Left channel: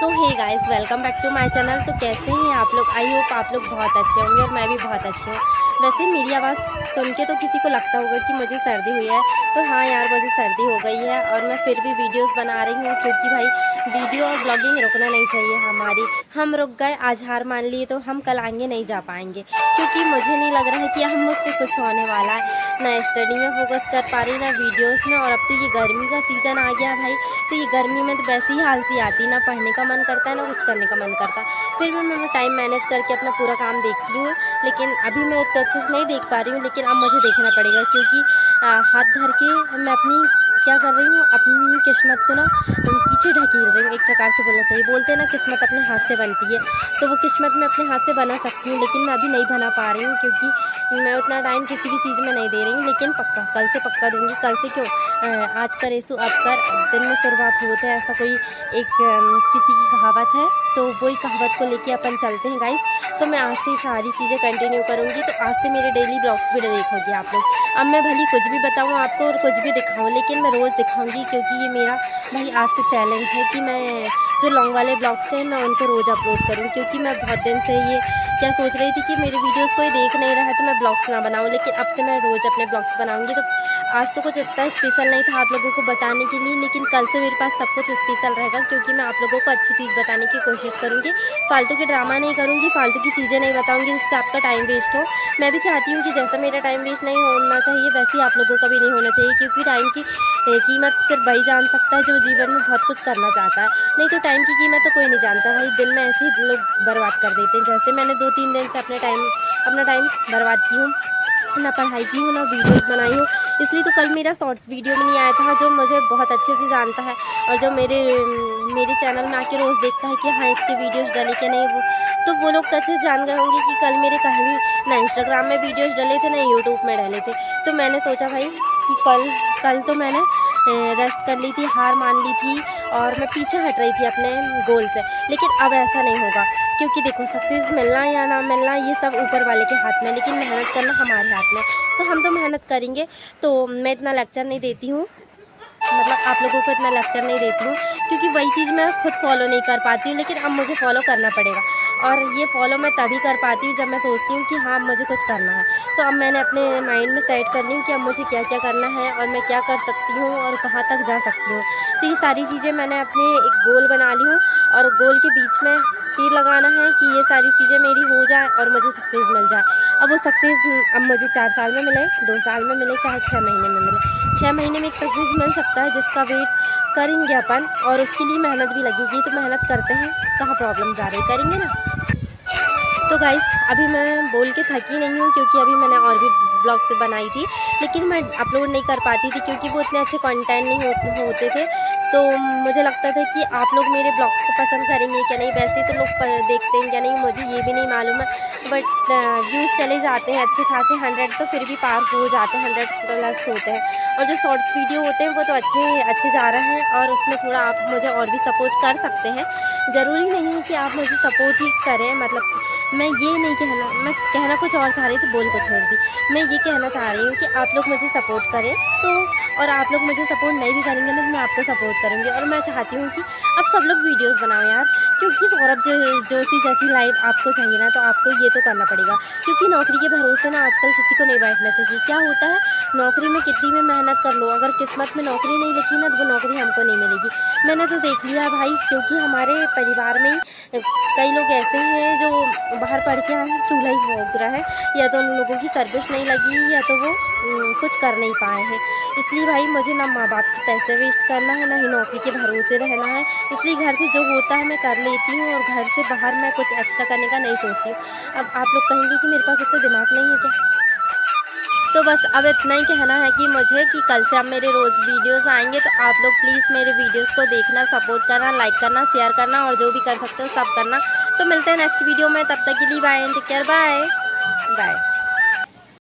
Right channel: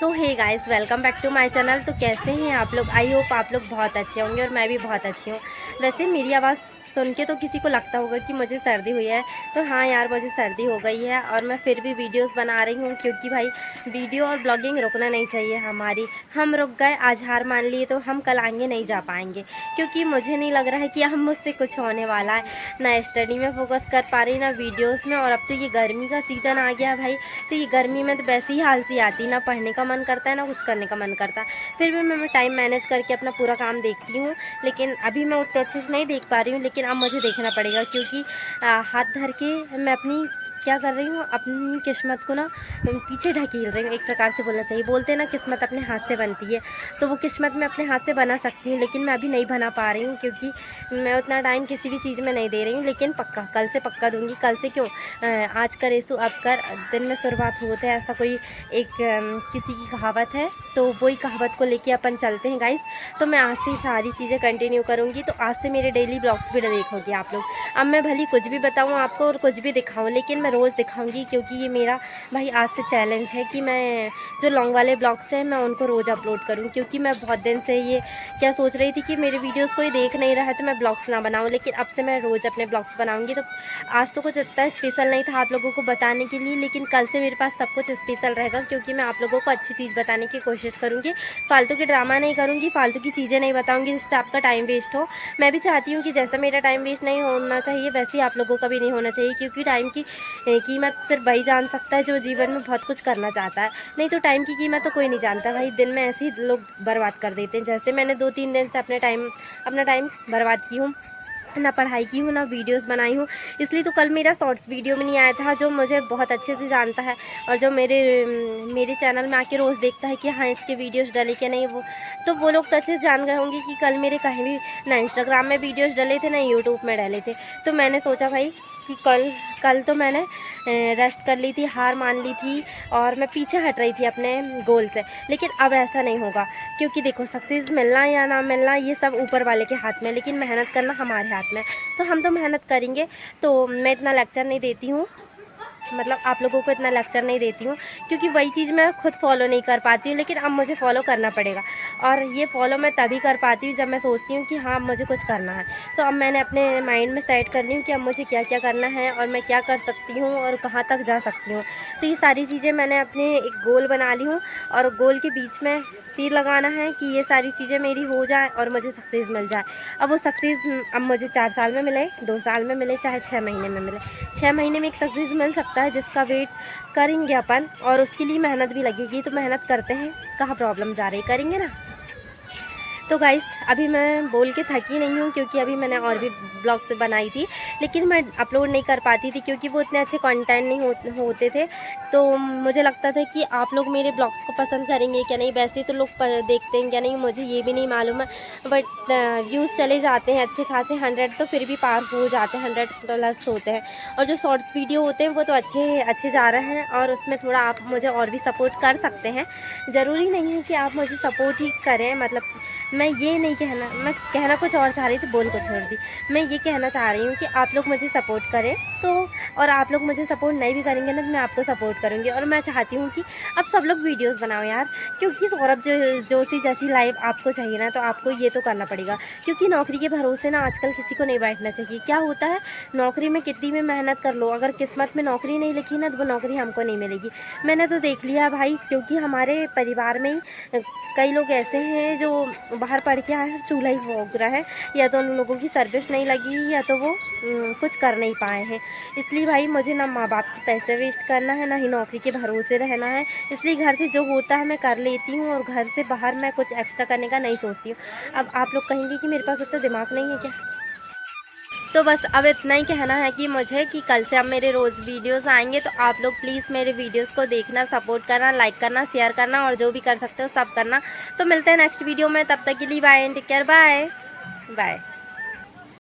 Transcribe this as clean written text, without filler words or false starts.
So hey guys, welcome back to my channel. तो कैसे हैं आप लोग? आई होप आप लोग बहुत अच्छे होंगे और मैं भी बहुत अच्छी हूँ। वैसे मेरी आवाज़ सुन के तो किसी को लगता होगा कि मुझे सर्दी हुई है, तो हाँ यार, मुझे सर्दी हो गई है और मैं फिर भी वीडियोस बना रही हूँ क्योंकि भाई वीडियो और ब्लॉगिंग रुकना नहीं चाहिए हमारी। हम रुक गए, आज हार मान लिए, तो हम कल आगे नहीं जा पाएंगे क्योंकि मुझे नहीं लग रहा है कि हम मुझसे कुछ होने वाला है। ना स्टडी में फोकस कर पा रही, ना वीडियोस में। और अब तो ये गर्मी का सीज़न आ गया भाई, तो ये गर्मी में तो वैसे ही आलसी आती, ना पढ़ने का मन करता है ना कुछ करने का मन करता। फिर भी मैं टाइम मैनेज करके अपना पूरा काम देखती हूँ, लेकिन अभी मैं एक अच्छे से नहीं देख पा रही हूँ, लेकिन अब मुझे देखना पड़ेगा क्योंकि हाथ धर के मैं अपनी क्या कर रही हूँ, अपनी किस्मत को ना पीछे ढकेल रही हूँ, एक प्रकार से बोलना चाहिए। बोलते हैं ना, किस्मत अपने हाथ से बनती है, तो वो किस्मत मैं अपने हाथ से बना सकती हूँ, लेकिन मैं अभी नहीं बना पा रही हूँ क्योंकि मैं उतना टाइम किसी भी चीज़ में नहीं दे रही हूँ। लेकिन पक्का कल से पक्का दूँगी। कल से क्यों, आज करेसु अब कर, दिन में शुरुआत होते है, ऐसा कोई एक किसी की कहावत है, तो वही कहावत को लेके अपन चलते हैं गाइस। तो मैं आज से सारी चीज़ें कंटिन्यू करूँगी, तो आज से मेरे डेली ब्लॉग्स भी देखोगे आप लोग। अब मैं भली कुछ भी बताऊँ आपको और कुछ भी दिखाऊँ, लेकिन मैं रोज़ दिखाऊँगी क्योंकि ये मेरा भाई आज से चैलेंज है कि मैं जो लॉन्ग वाले ब्लॉग्स हैं मैं उनको रोज़ अपलोड करूँ, क्योंकि मैं बहुत दिन से ये क्या सोच रही थी कि मेरे वीडियोस कोई देख नहीं रहा है तो मैं ब्लॉग्स ना बनाऊँ, लेकिन अब से मैं रोज़ अपने ब्लॉग्स बनाऊँगी। तो आज तो कुछ इतना स्पेशल नहीं था आप लोगों को बताने के लिए, लेकिन कल से मेरे पास सब कुछ स्पेशल रहेगा क्योंकि मैं आप लोगों को अच्छी चीज़ बताने की कोशिश करूँगी। फालतू के ड्रामा नहीं करूँगी, फालतू की चीज़ें नहीं बताऊँगी जिससे आपका टाइम वेस्ट हो। मैं भी चाहती हूँ कि जैसा मेरा टाइम वेस्ट नहीं होना चाहिए, वैसे ही आप लोगों का भी नहीं होना चाहिए, क्योंकि टाइम की कीमत सिर्फ वही जान सकता है जो जीवन में बहुत कुछ करना चाहता है। नहीं तो टाइम की कीमत तो कोई नहीं जानता भाई, दिन में ऐसे ही लोग बर्बाद कर देते हैं। जैसे मैंने 2-3 दिन से अपना टाइम बर्बाद की हूँ, ना पढ़ाई की हूँ, ना वीडियोस बनाई हूँ। इसलिए तो कल मेरा शॉर्ट्स वीडियो में नहीं आया था। जो मुझे बहुत अच्छे से जानता है और जो मेरे चैनल में आके रोज़ देखता है कि हाँ इसके वीडियोस डले कि नहीं, वो लोग तो अच्छे से जान गए होंगे कि कल मेरे कहीं भी ना इंस्टाग्राम में वीडियोस डले थे, ना यूट्यूब में डले थे। तो मैंने सोचा भाई कि कल तो मैंने रेस्ट कर ली थी, हार मान ली थी और मैं पीछे हट रही थी अपने गोल से। लेकिन अब ऐसा नहीं होगा क्योंकि देखो, सक्सेस मिलना या ना मिलना ये सब ऊपर वाले के हाथ में है, लेकिन मेहनत करना हमारे हाथ में है। तो हम तो मेहनत करेंगे। तो मैं इतना लेक्चर नहीं देती हूँ, मतलब आप लोगों को इतना लेक्चर नहीं देती हूँ क्योंकि वही चीज़ मैं खुद फॉलो नहीं कर पाती हूँ, लेकिन अब मुझे फॉलो करना पड़ेगा। और ये फॉलो मैं तभी कर पाती हूँ जब मैं सोचती हूँ कि हाँ अब मुझे कुछ करना है। तो अब मैंने अपने माइंड में सेट कर ली हूँ कि अब मुझे क्या क्या करना है और मैं क्या कर सकती हूँ और कहाँ तक जा सकती हूँ। तो ये सारी चीज़ें मैंने अपनी एक गोल बना ली हूँ और गोल के बीच में तीर लगाना है कि ये सारी चीज़ें मेरी हो जाए और मुझे सक्सेस मिल जाए। अब वो सक्सेस अब मुझे 4 साल में मिले, 2 साल में मिले, चाहे 6 महीने में मिले। 6 महीने में एक सक्सेस मिल सकता है जिसका वेट करेंगे अपन, और उसके लिए मेहनत भी लगेगी। तो मेहनत करते हैं, कहाँ प्रॉब्लम जा रही, करेंगे ना। तो गाइस, अभी मैं बोल के थकी नहीं हूँ क्योंकि अभी मैंने और भी ब्लॉग्स बनाई थी, लेकिन मैं अपलोड नहीं कर पाती थी क्योंकि वो इतने अच्छे कंटेंट नहीं होते थे। तो मुझे लगता था कि आप लोग मेरे ब्लॉग्स को पसंद करेंगे क्या नहीं, वैसे तो लोग देखते हैं क्या नहीं मुझे ये भी नहीं मालूम है। बट व्यूज़ चले जाते हैं अच्छे खासे 100, तो फिर भी पार हो जाते हैं, 100 प्लस होते हैं। और जो शॉर्ट्स वीडियो होते हैं वो तो अच्छे अच्छे जा रहे हैं, और उसमें थोड़ा आप मुझे और भी सपोर्ट कर सकते हैं। ज़रूरी नहीं है कि आप मुझे सपोर्ट ही करें, मतलब मैं ये नहीं कहना, मैं कहना कुछ और चाह रही थी, बोल को छोड़ दी। मैं ये कहना चाह रही हूँ कि आप लोग मुझे सपोर्ट करें, तो और आप लोग मुझे सपोर्ट नहीं भी करेंगे ना, तो मैं आपको सपोर्ट करूँगी। और मैं चाहती हूँ कि अब सब लोग वीडियोस बनाओ यार, क्योंकि सौरभ जोशी जैसी लाइफ आपको चाहिए ना, तो आपको ये तो करना पड़ेगा। क्योंकि नौकरी के भरोसे ना आजकल किसी को नहीं बैठना चाहिए। क्या होता है, नौकरी में कितनी भी मेहनत कर लो, अगर किस्मत में नौकरी नहीं लिखी ना, तो वो नौकरी हमको नहीं मिलेगी। मैंने तो देख लिया है भाई, क्योंकि हमारे परिवार में ही कई लोग ऐसे हैं जो बाहर पढ़ के आए हैं, चूल्हा ही भोग रहा है, या तो उन लोगों की सर्विस नहीं लगी, या तो वो कुछ कर नहीं पाए हैं। इसलिए भाई मुझे ना माँ बाप के पैसे वेस्ट करना है, ना ही नौकरी के भरोसे रहना है। इसलिए घर से जो होता है मैं कर लेती हूँ, और घर से बाहर मैं कुछ एक्स्ट्रा करने का नहीं सोचती हूँ। अब आप लोग कहेंगे कि मेरे पास इतना दिमाग नहीं है क्या? तो बस अब इतना ही कहना है कि मुझे कि कल से अब मेरे रोज़ वीडियोस आएंगे, तो आप लोग प्लीज़ मेरे वीडियोस को देखना, सपोर्ट करना, लाइक करना, शेयर करना, और जो भी कर सकते हो सब करना। तो मिलते हैं नेक्स्ट वीडियो में, तब तक के लिए bye and take care, bye bye.